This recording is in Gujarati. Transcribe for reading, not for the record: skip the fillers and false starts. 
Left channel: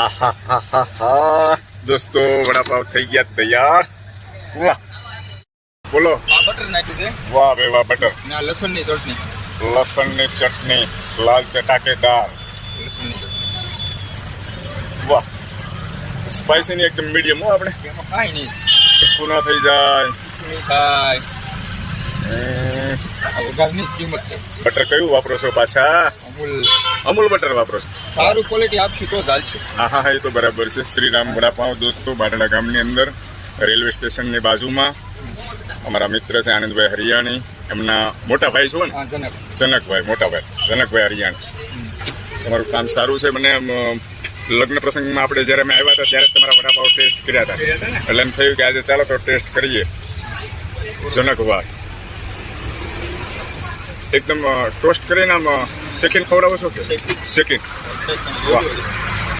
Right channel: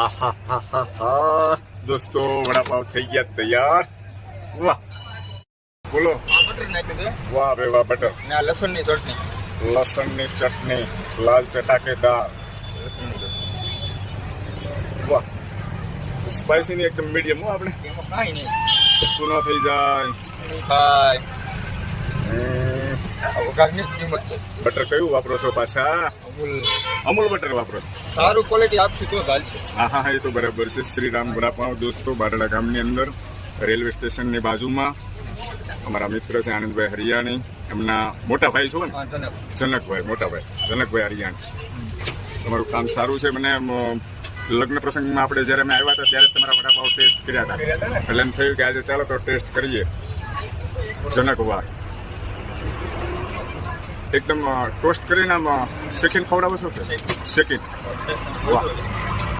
આહાહાહા. દોસ્તો વડાપાવ થઈ ગયા તૈયાર. વાહ બોલો. બટર નાખ્યું છે વાહ ભાઈ વાહ. બટર, ને આ લસણની ચટણી. લસણની ચટણી, લાલ ચટાકેદાર. લસણની ચટણી વાહ. સ્પાઈસી ની એકદમ મીડિયમ હો. આપણે એમાં કાંઈ નહીં. શું ના થઈ જાય. મીઠાઈ આ વઘારની જ કિંમત છે. બટર કયું વાપરો છો પાછા? અમૂલ અમૂલ બટર વાપરો છો? સારું ક્વોલિટી આપશું તો ચાલશે. હા હા હા, એ તો બરાબર છે. શ્રીરામ વડાપાવ દોસ્તો, બારડા ગામની અંદર રેલવે સ્ટેશનની બાજુમાં. અમારા મિત્ર છે આનંદભાઈ હરિયાણી, એમના મોટા ભાઈ છો ને? હા જનક. જનકભાઈ, મોટા ભાઈ જનકભાઈ હરિયાણી. તમારું કામ સારું છે. મને લગ્ન પ્રસંગમાં આપણે જ્યારે અમે આવ્યા હતા ત્યારે જ તમારા વડાપાવ ટેસ્ટ કર્યા હતા, એટલે એમ થયું કે આજે ચાલો તો ટેસ્ટ કરીએ. જનકભાઈ એકદમ ટોસ્ટ કરીને આમ શેકીને ખવડાવો છો કે? શેકીને. વાહ